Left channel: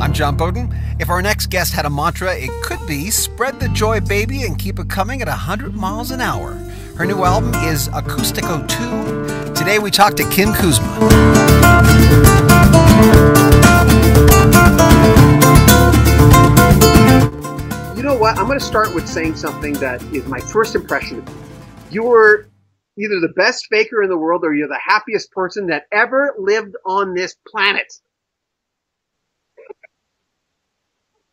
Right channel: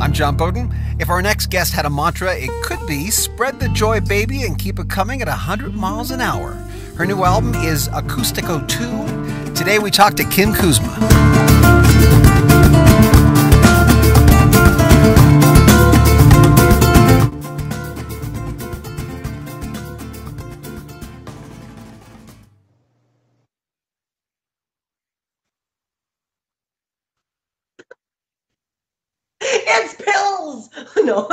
I'm John Beaudin. If our next guest had a mantra, it could be spread the joy, baby, and keep it coming at 100 miles an hour. Her new album is Acustico II. Today we talk to Kim Kuzma. You know what? I'm going to start with saying something that is my first impression of you. You were either the best faker in the world or you're the happiest person that ever lived on this planet. It's pills. No,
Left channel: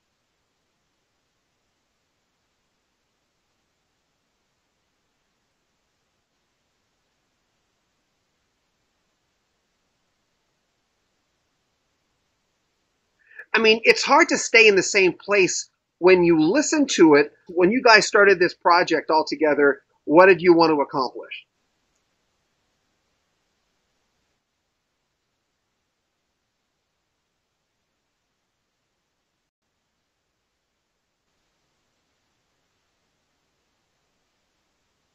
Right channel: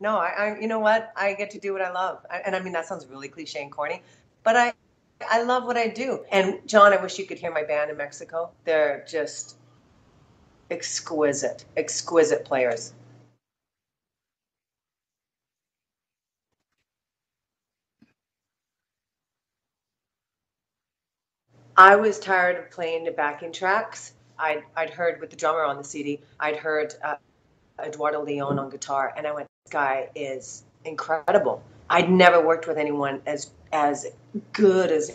no. I you know what? I get to do what I love, and I mean that sounds really cliche and corny, but I love what I do. And John, I wish you could hear my band in Mexico. They're just exquisite players. I mean, it's hard to stay in the same place when you listen to it. When you guys started this project all together, what did you want to accomplish? I was tired of playing the backing tracks. I'd heard with the drummer on the CD, I'd heard Eduardo Leon on guitar, and I went, this guy is incredible. I'd never worked with anyone as good as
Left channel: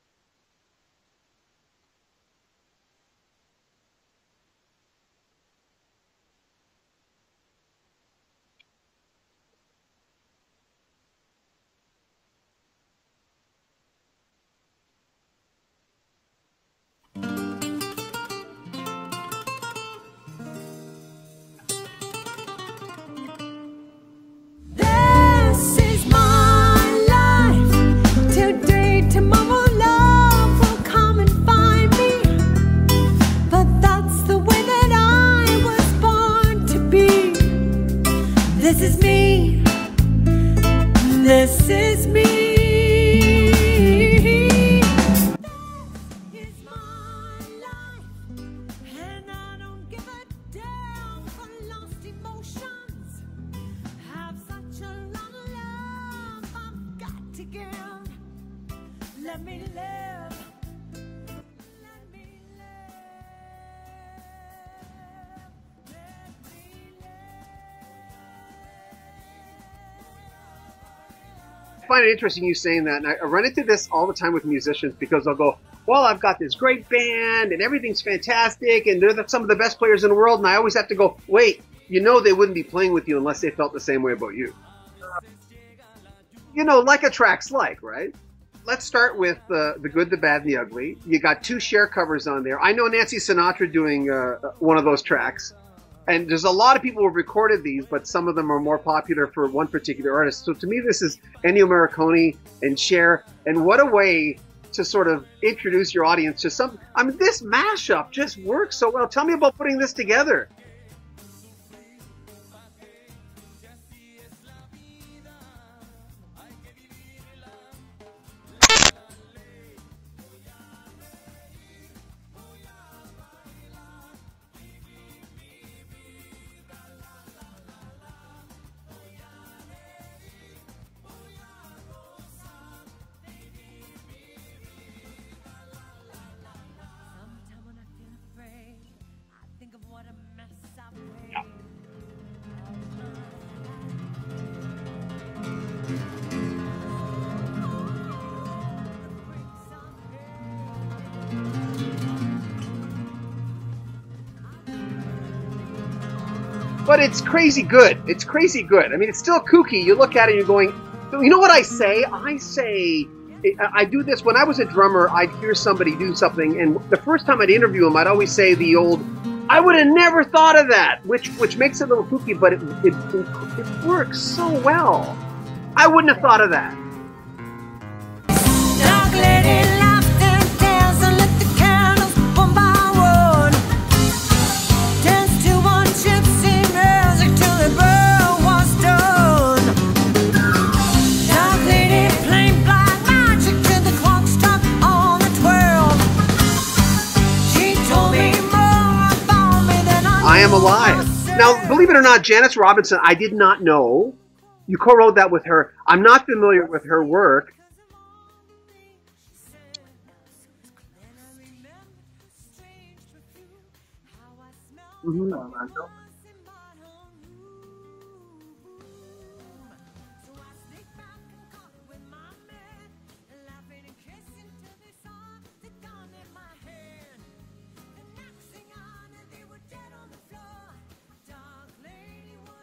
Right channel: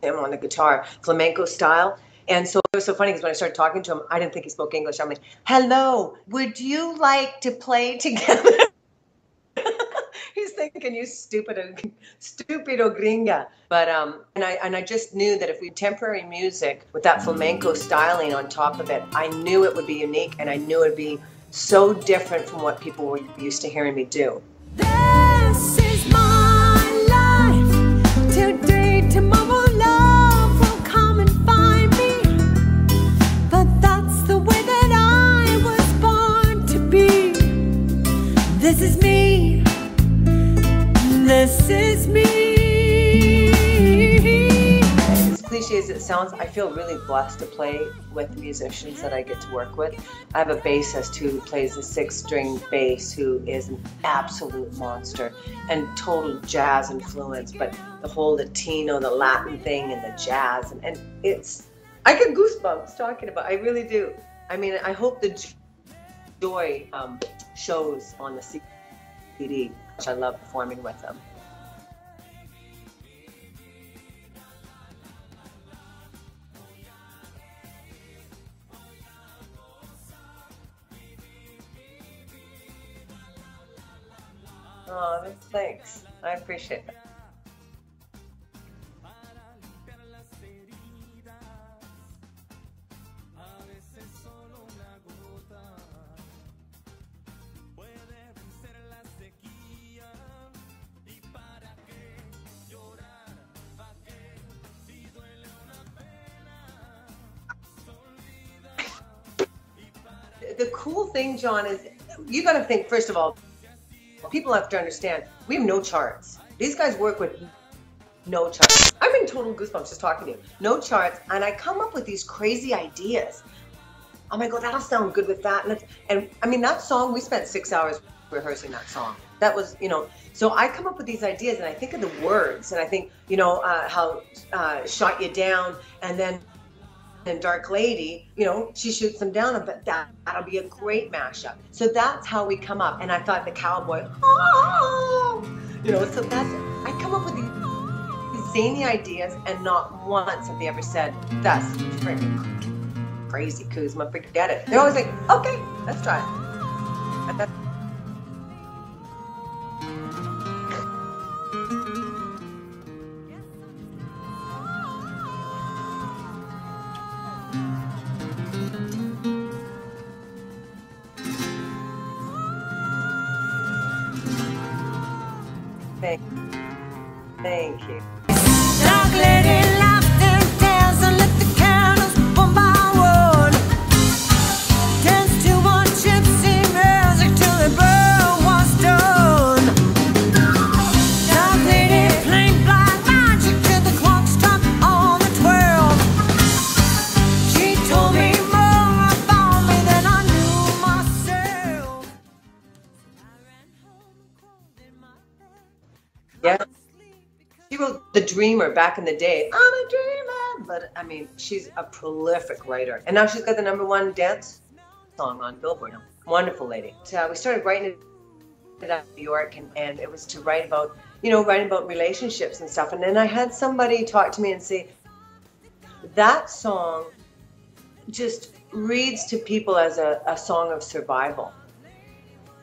him on the guitar, flamenco style. And so it was so funny because when I started talking to him, I didn't think he spoke English. I'm like, hello, would you like to play together? He's thinking, you stupido gringa. But and I just knew that if we contemporary music with that flamenco styling on top of it, I knew it would be unique, and I knew it would be so different from what people were used to hearing me do. This is my life. Today, tomorrow, love will come and find me. But that's the way that I was born to be. This is me. This is me. As cliche as it sounds, I feel really blessed to play with musicians that I get to work with. I have a bassist who plays the 6-string bass, who is an absolute monster and total jazz influence, but the whole Latino, the Latin thing, and the jazz, and it's, I get goosebumps talking about it. I really do. I mean, I hope the joy shows on the CD, which I love performing with them. I find it interesting you saying that, and I run into this all the time with musicians because they'll go, well, I've got this great band and everything's fantastic and they're some of the best players in the world, and I always have to go, wait, you know they wouldn't be playing with you unless they felt the same way about you. Oh, thanks. I appreciate it. You know, like a track's like, right? Let's start with the good, the bad, the ugly. You got 2 Cher covers on there. I know Nancy Sinatra doing one of those tracks. And there's a lot of people who have recorded these, but some of them are more popular for one particular artist. So to me, this is Ennio Morricone and Cher. And what a way to sort of introduce your audience to some. I mean, this mashup just works so well. Tell me about putting this together. The cool thing, John, is you got to think, first of all, people have to understand, we have no charts. These guys work with no charts. I'm in total goosebumps just talking to you. No charts. And I come up with these crazy ideas. I'm like, oh, that'll sound good with that. And I mean, that song, we spent 6 hours rehearsing that song. That was, you know, so I come up with these ideas and I think of the words and I think, you know, how Shot You Down, and then Dark Lady, you know, she shoots them down, but that'll be a great mashup. So that's how we come up. And I thought the cowboy, oh, you know, so that's, I come up with these zany ideas, and not once have they ever said, that's crazy, Kuzma, forget it. They're always like, okay, let's try it. But it's crazy good. It's crazy good. I mean, it's still kooky. You look at it and you're going, you know what I say? I do this. When I was a drummer, I'd hear somebody do something, and the first time I'd interview them, I'd always say the old, I would have never thought of that, which makes it a little kooky, but it works so well. I wouldn't have thought of that. Thank you. Dark lady laughed and danced and lit the candles one by one. Danced to one gypsy music till the bell was done. Dark lady playing black magic till the clock struck on the 12. She told me more about me than I Am knew Alive. myself. Now, believe it or not, Janice Robinson, I did not know. You co-wrote that with her. I'm not familiar with her work. She wrote The Dreamer back in the day. I'm a dreamer. But, I mean, she's a prolific writer. And now she's got the #1 dance song on Billboard. Wonderful lady. So we started writing it out in New York, and it was to write about, you know, writing about relationships and stuff. And then I had somebody talk to me and say, that song just reads to people as a song of survival.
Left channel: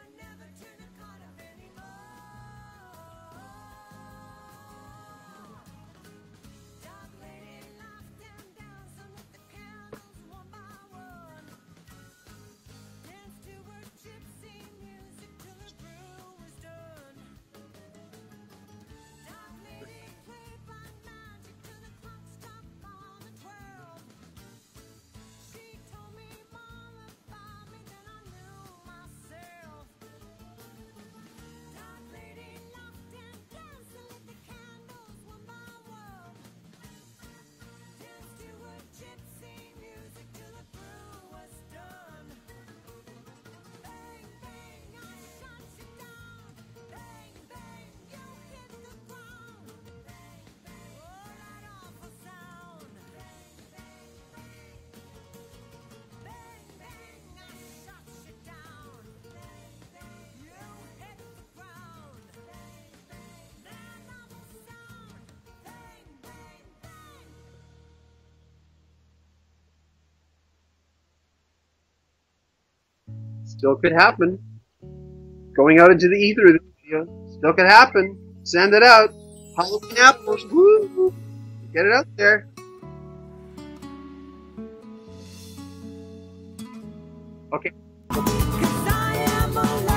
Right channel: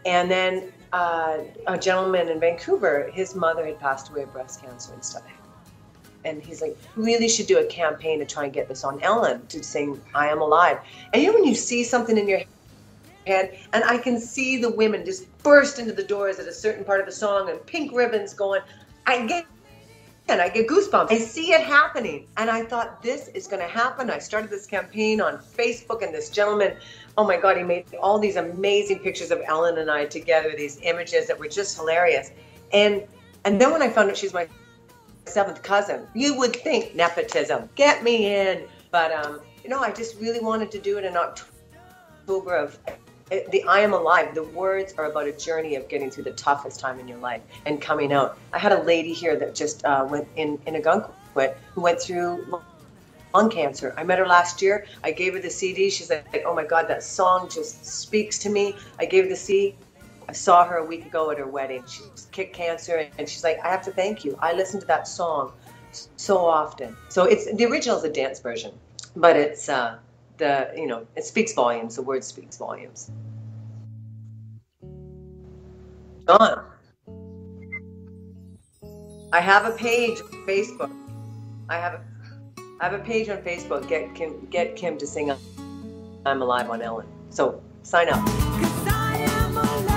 And then a gentleman in Vancouver, his mother had passed away of breast cancer and stuff. And he's like, we really should do a campaign to try and get this on Ellen to sing I Am Alive. And you know when you see something in your head, and I can see the women just burst into the doors at a certain part of the song and pink ribbons going, I get goosebumps. I see it happening. And I thought, this is going to happen. I started this campaign on Facebook, and this gentleman, oh my God, he made all these amazing pictures of Ellen and I together, these images that were just hilarious. And then when I found out she's my 7th cousin, you would think nepotism, get me in. But, you know, I just really wanted to do it in October of the I Am Alive. The words are about a journey of getting through the toughest time in your life and coming out. I had a lady here that just went in Agunquit who went through lung cancer. I met her last year. I gave her the CD. She's like, oh my God, that song just speaks to me. I gave her the CD. I saw her a week ago at her wedding. She kicked cancer, and she's like, I have to thank you. I listen to that song so often. So it's the original is a dance version, but it's it speaks volumes. The word speaks volumes. Still could happen. Going out into the ether, still could happen. Send it out. I have a page on Facebook. Get it out there. I have a page on Facebook. Get Kim to sing I'm Alive on Ellen. So okay, sign up. 'Cause I am alive.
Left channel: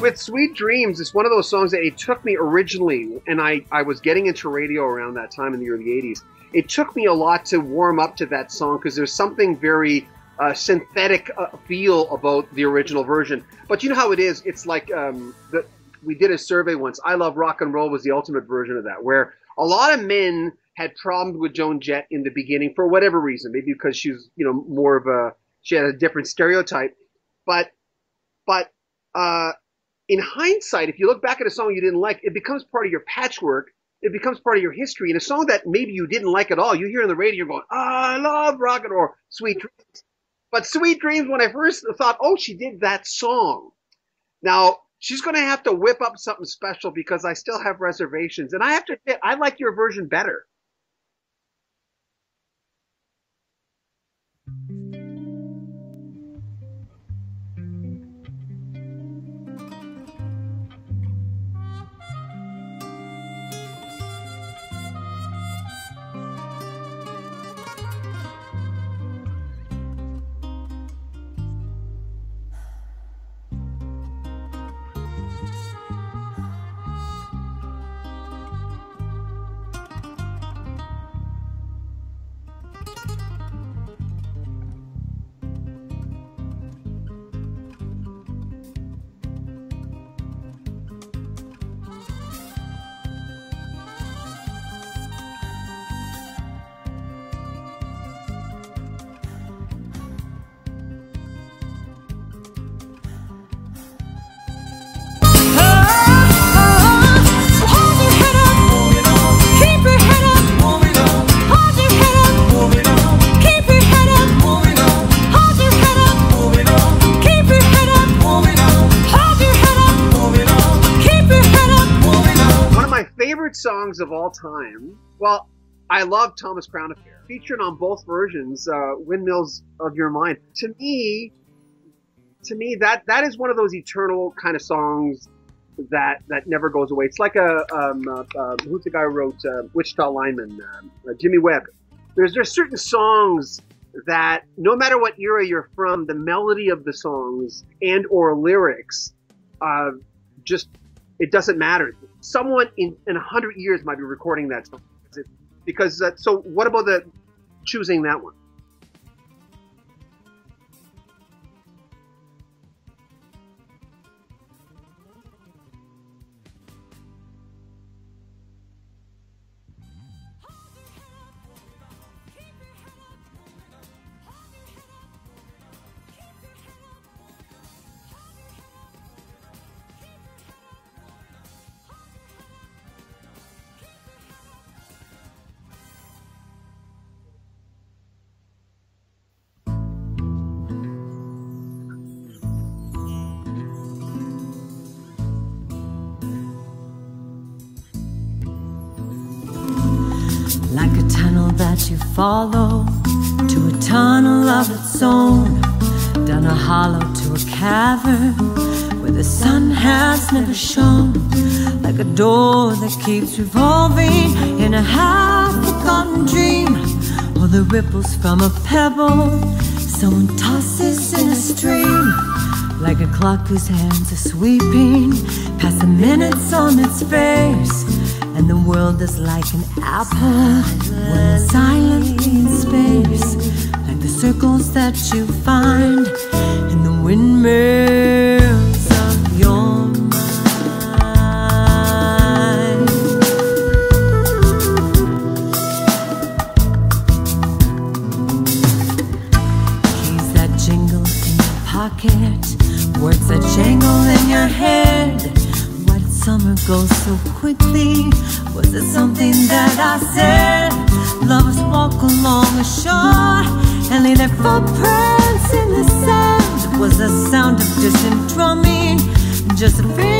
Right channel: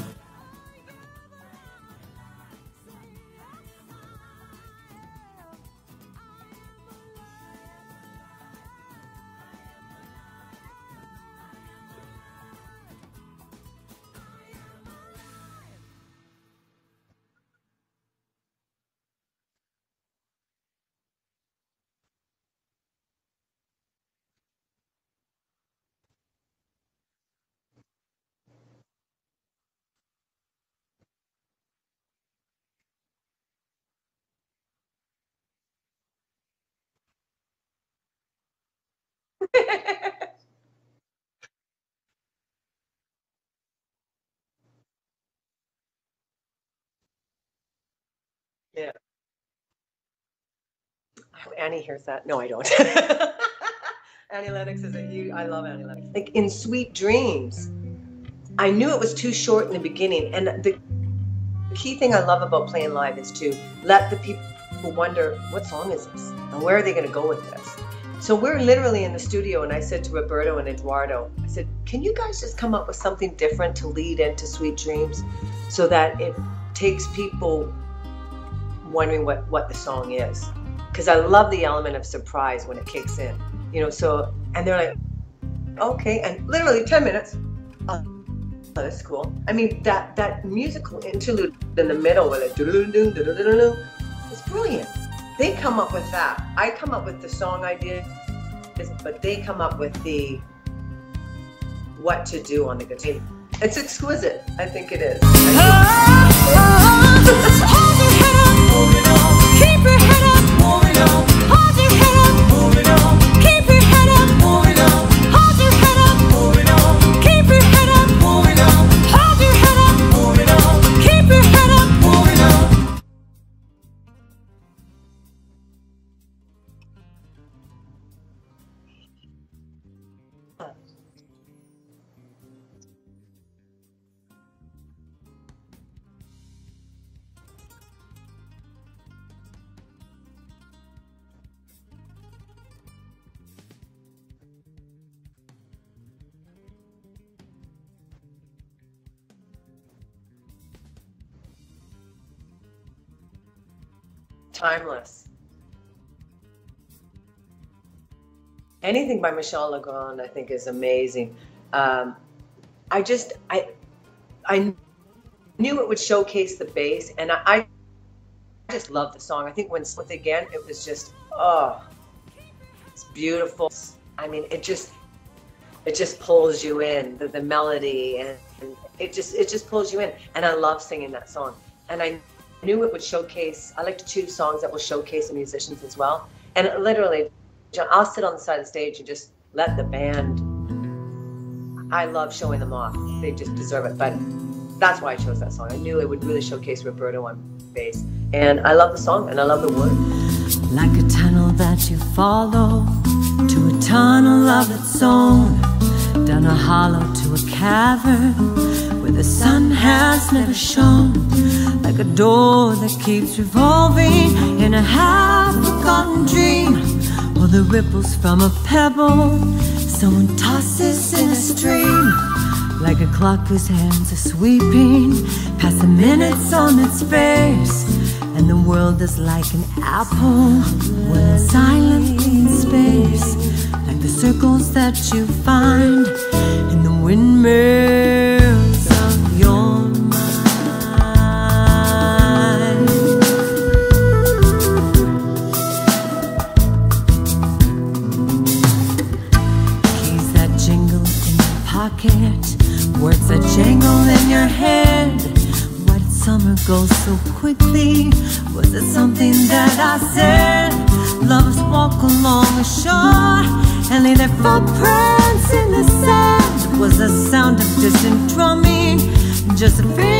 With Sweet Dreams, it's one of those songs that it took me originally, and I was getting into radio around that time in the early 80s. It took me a lot to warm up to that song because there's something very synthetic feel about the original version. But you know how it is? It's like we did a survey once. I Love Rock and Roll was the ultimate version of that, where a lot of men had problems with Joan Jett in the beginning for whatever reason, maybe because she was, more of she had a different stereotype. But in hindsight, if you look back at a song you didn't like, it becomes part of your patchwork. It becomes part of your history. And a song that maybe you didn't like at all, you hear on the radio, you're going, I love rock and roll, Sweet Dreams. But Sweet Dreams, when I first thought, oh, she did that song. Now, she's going to have to whip up something special because I still have reservations. And I have to admit, I like your version better. Annie hears that. No, I don't. Annie Lennox is I love Annie Lennox. Like in Sweet Dreams, I knew it was too short in the beginning, and the key thing I love about playing live is to let the people wonder, what song is this? And where are they going to go with this? So we're literally in the studio, and I said to Roberto and Eduardo, I said, can you guys just come up with something different to lead into Sweet Dreams so that it takes people wondering what the song is? Because I love the element of surprise when it kicks in, and they're like, okay, and literally 10 minutes. Oh, that's cool. I mean, that musical interlude in the middle where it's brilliant. They come up with that. I come up with the song idea, but they come up with the what to do on the guitar. It's exquisite. I think it is. Hold your head up, moving on. Keep your head up, moving on. Hold your head up, moving on. Keep your head up, moving on. Hold your head up, moving on. Keep your head up, moving on. Hold your head up, moving on. Keep your head up, moving on. One of my favorite songs of all time. Well, I love Thomas Crown Affair, featured on both versions. Windmills of Your Mind. To me, that is one of those eternal kind of songs that never goes away. It's like who's the guy who wrote Wichita Lineman? Jimmy Webb. There's certain songs that no matter what era you're from, the melody of the songs and or lyrics, it doesn't matter. Someone in 100 years might be recording that. Timeless. Because so what about choosing that one? Anything by Michel Legrand, I think, is amazing. I knew it would showcase the bass, and I just love the song. I think when Slip Again, it was just, it's beautiful. I mean, it just pulls you in, the melody, and it just pulls you in. And I love singing that song. And I knew it would showcase, I like to choose songs that will showcase the musicians as well. And literally, I'll sit on the side of the stage and just let the band. I love showing them off. They just deserve it. But that's why I chose that song. I knew it would really showcase Roberto on bass. And I love the song, and I love the words. Like a tunnel that you follow to a tunnel of its own, down a hollow to a cavern where the sun has never shone. Like a door that keeps revolving in a half-forgotten dream, or the ripples from a pebble someone tosses in a stream. Like a clock whose hands are sweeping past the minutes on its face, and the world is like an apple when silently in space. Like the circles that you find in the windmills of your mind. Keys that jingle in your pocket, words that jangle in your head. Why did summer go so quickly? Was it something that I said? Lovers walk along a shore and leave their footprints in the sand. Was the sound of distant drumming just a feeling